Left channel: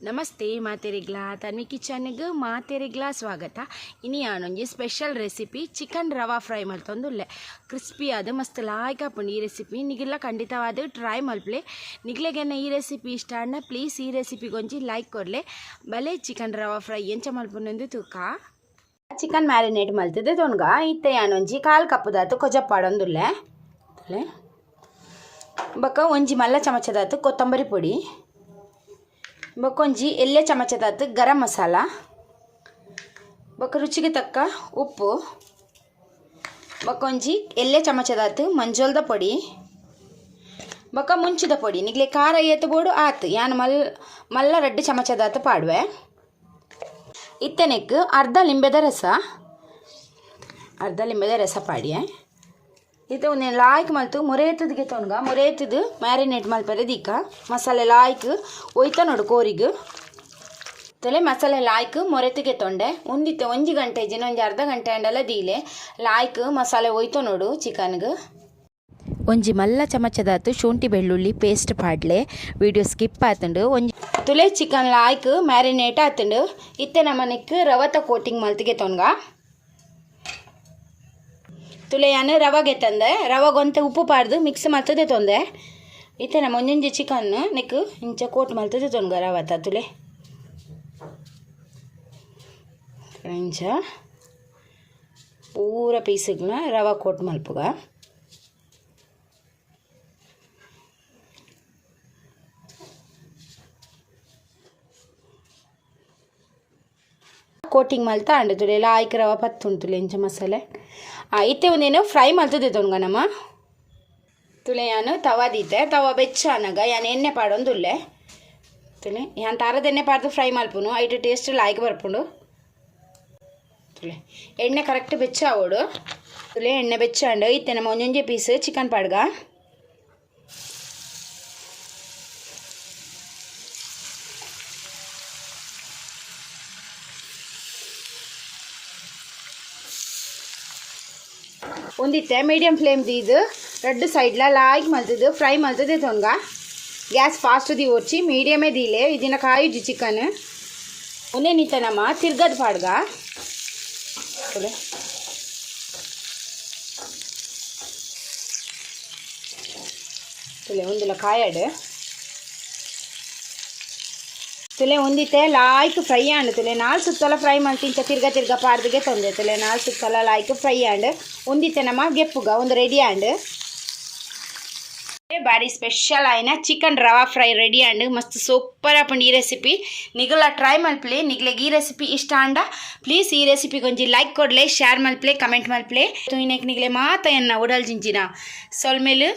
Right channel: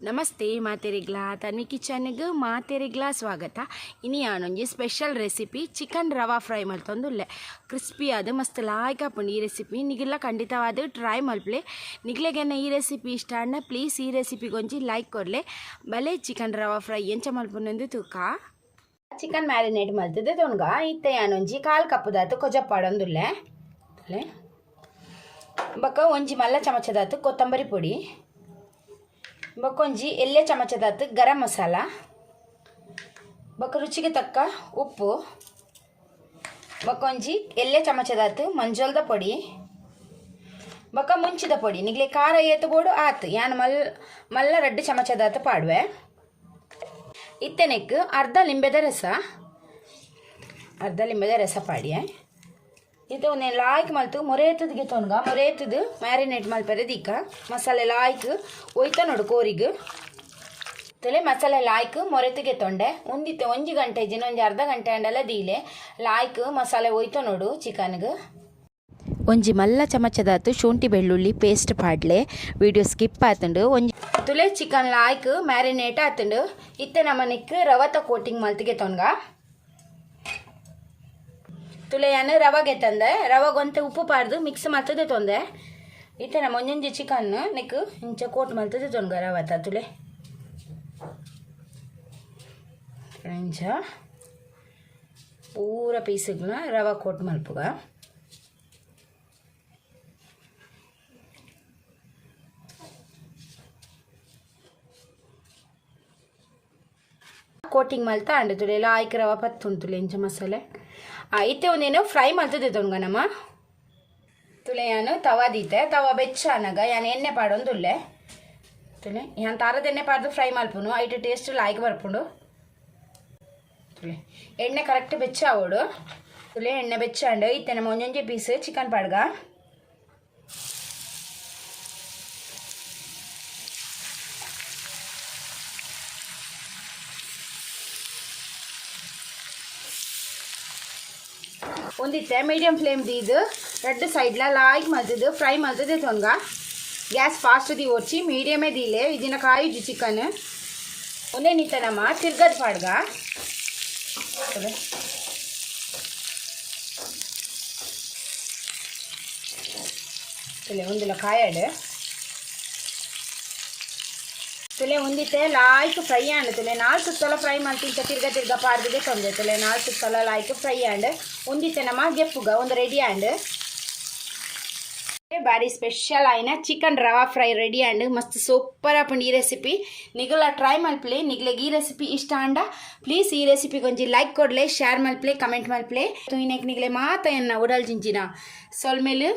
ನಮಸ್ತೆ ಮಾತೆರೆಗ್ಲ ತನ್ವಿ ಕಿಚನ್ಗೆ ಮಾತೆರೆಗ್ಲ ಸ್ವಾಗತ. ಇನಿ ಯಾನೊಂಜಿ special recipe chicken rava fry ಮಲ್ತೊಂದುಲ್ಲೆ. Crispy ಆದ ಮಸ್ತ್ ಲಾಯ್ಕ್ ಆಪುಂಡು ಈ ರೆಸಿಪಿ. ನಿಗಿಲ್ಲ ಖಂಡಿತವಾದ ಟ್ರೈ ಮಲ್ಪಲೆ. ನಿಗ್ಲೆಗೆನ್ನ ಈ ರೆಸಿಪಿ ಇಷ್ಟ ಅಣ್ಣ ಪ್ಲೀಸ್ ಈ ರೆಸಿಪಿಗೊಂಜಿ ಲೈಕ್ ಕೊಡ್ಲೆ. ಬಲೆ ಚಿಕನ್ ರವಾ ಫ್ರೈ ಎಂಚ ಮಲ್ಪುನೆಂದು ತೂಕ ಚಿಕನ್ ಮ್ಯಾರಿನೇಟ್ ಮಲ್ತಿದ್ದೆ ತೊನ್ಗ ಇತ್ತೆ ಯಾನೊಂಜಿ 1/4 ಕಪ್ ದಾತು ಕೊಜಪ್ಪಾಡೊಂದುಲ್ಲೆ. ಬೊಕ ಒಂಜಿ ಮಲ್ಲ ಚಮಚದಾತು ಕೊತ್ತಂಬರಿ ಪೊಡಿ, ಬೊಕೊಂಜಿ ಎಲ್ಲೆ ಚಮಚದಾತು ಗರಂ ಮಸಾಲ, ಬೊಕ ರುಚಿಗೆ ತಕ್ಕ ಉಪ್ಪು, ಬೊಕೊಂಜಿ ಎಲ್ಲೆ ಚಮಚದಾತು ಮಂಜೋಲ್ದ ಪೊಡಿ, ಬೊಕ ಮುಂಚಿದ ಪೊಡಿ. ನಿಗ್ಲೆ ಖಾರ ಏತು ಬೋಡು ಆತು ಯಾನು ಮಲ್ಲ 2 ಚಮಚದಾತು ಪಾಡುವೆ. ಇತ್ತೆನೆಕ್ ಅರ್ಧ ಲಿಂಬೆದ ರಸ ಪಾಡಿಯೆ. ಇದು ಲಾಯ್ಕ್ ಮಲ್ತು ಮುರೇತದಿಗೆ ತೊನ್ಗ ಮುರೇತದು ಮ್ಯಾರಿನೇಟ್ ಮಲ್ಪರೆ ದೀಕ ಮಸಾಲೆ ಲಾಯ್ಕ್ ಒಯ್ತ ನೋಡು ಕೋರಿಗೆ ತೊಲೆ ಮಸಾಲೆ ಲಾಯ್ಕ್ ಮೊರೆತಿಗೆ ತೊಂಡೆ ಉಂದಿತ್ತೆ 1 ಗಂಟೆ ಇಜಿನ ಒಂಜಿ ಅರ್ಧ ಗಂಟೆ ಅಂಡೆಲ್ಲ ದೀಲೆ ಲಾಯ್ಕ್ ಮಸಾಲೆ ಒಯ್ತ ನೋಡು ಚಿಕನ್ಗೆ. ಒಂಜಿ ಮಲ್ಲ ಚಮಚದಾತು ಶುಂಠಿ ಬೆಳ್ಳುಳ್ಳಿ ಪೇಸ್ಟ್ ಪಾಡ್ಲೆ. ವಿಡಿಯೋ ಸ್ಕಿಪ್ ಆತುಂಡು. ಒಂಜಿ ತುಲೆ ಚಿಕನ್ ಲಾಯ್ಕ್ ಮ್ಯಾರಿನೇಟ್ ಆತುಂಡು. ಇತ್ತೆ ನಮ್ಮನೆಕ್ ರವತ ಕೋಟಿಂಗ್ ಮಲ್ತಿಗೆ ತೊನ್ಗ ತುಲೆಯನ್ನು ರವಾಗೆ ತಂದೆ ರವಾಗೊಂತೆ ಉಪ್ಪು ಪಾಡ್ದು ಮಿಕ್ಸ್ ಮಾಡ್ತದೆ ತೊಂದೆ. ಇತ್ತೆ ನಮ್ಮ ಒಂಜೊಂಜಿ ಚಿಕನ್ ನೆಕ್ ಇಂಚ ಕೋಟ್ ಮಲ್ತದೆ ತೊನ್ಗ ರವತ ತುಲೆ ಇಂಚ ಪೂರ ಪೀಸ್ಗಳನ್ನ ರವಾ ಕೋಟ್ ಮಲ್ಪುಗ. ಕೋಟಿಂಗ್ ಮಲ್ತ ಅಂಡು ತುಲೆ ಲಾಯ್ಕ್ ರವ ಪತ್ತುಂಟುಲೆ ಇಂಚ ಮಸಾಲೆ ಇತ್ತೆ ಒಂದೇನು ಫ್ರೈ ಮಲ್ತದೆ ತೊನ್ಗ ನಮ್ಮ ತುಲೆ ಯಾನು ತವಾ ದೀತೆ ತವಾ ಬೆಚ್ಚ ಅನ್ನಗ ಯಾನು ಎಣ್ಣೆ ಪಾಡೊಂದುಲ್ಲೆ ತುಲೆ ಯಾನ್ ತಾರದ ಎಣ್ಣೆ ಪಾಡ್ದು ಫ್ರೈ ಮಲ್ಪುನು ಐಟು ಟೇಸ್ಟ್ ಲಾಯ್ಕ್ ಬರ್ಪುಂಡು. ತುಲೆ ಎಣ್ಣೆ ಕರೆಕ್ಟ್ ಬೆಚ್ಚ ಆವೋಡು ತುಲೆ ಎಣ್ಣೆ ಬೆಚ್ಚ ಅಂಡು ಇತ್ತೆ ನಮ್ಮ ಒಂಜೊಂಜಿ ಪೀಸ್ ಚಿಕನ್ ಪಾಡ್ಗ ಒಂದಿತ್ತೆ ಮೀಡಿಯಂ ಫ್ಲೇಮ್ ದೀದು 2 ಸೈಡ್ಲ ಲಾಯ್ಕ್ ಮಲ್ತದು ಫ್ರೈ ಮಲ್ತದೆ ತೊನ್ಗ ಗ್ಯಾಸ್ ಫಾಸ್ಟ್ ದಿ ಓಡ್ಚಿ ಮೀಡಿಯಮೇ ದೀಲೆ ಇದನ್ನ ಕಾಯಿಜಿ ಚಿಕನ್ ಒಂದೇ ನಿತ್ತ ನಮ್ಮ ತಿರ್ಗದ ಪಾಡ್ಗ ಒಂದಿಲ್ಲ ಕಾಯಡು ತುಲೆ ಒಂದಿತ್ತೆ ಲಾಯ್ಕ್ ಫ್ರೈ ಆಂಡ್ ತುಲೆ 4 ಸುತ್ತಲ ಫ್ರೈ ಮಲ್ತಿ ಇಂಚ ತಿರ್ಗ ಪಾಡ್ದಿಗೆ ತೊಂದೆ ತುಲೆ 4 ಸುತ್ತಲ ಲಾಯ್ಕ್ ಫ್ರೈ ಆಂಡ್ ಒಂದಿತ್ತೆ ನಮ್ಮ ಗೆಪ್ಪುಗ ಒಂದು ರೆಡಿ ಆಂಡ್ ಬಾರಿ ಸ್ಪೆಷಲ್ ಆಯ್ನ ಚಿಕನ್ ರವಾ ಫ್ರೈ ರೆಡಿ ಆಂಡ್ ಮಸ್ತ್ ಸೂಪರ್ ಆಪುಂಡು ಈ ರೆಸಿಪಿ. ನಿಗಲ ಟ್ರೈ ಮಲ್ಪ್ಲೆ. ನಿಗ್ಲೆಗ್ ಈ ರೆಸಿಪಿ ಇಷ್ಟ ಅಂಡ ಪ್ಲೀಸ್ ಈ ರೆಸಿಪಿಗೊಂಜಿ ಲೈಕ್ ಕೊಡ್ಲೆ, ಶೇರ್ ಮಲ್ಪ್ಲೆ, ಕಮೆಂಟ್ ಮಲ್ಪ್ಲೆ. ನಿಗ್ಲೆ ಮಾತ ಎನ್ನ ಉಡಲ್ ಜಿಂಜಿನ ಸೊಲ್ಮೇಲು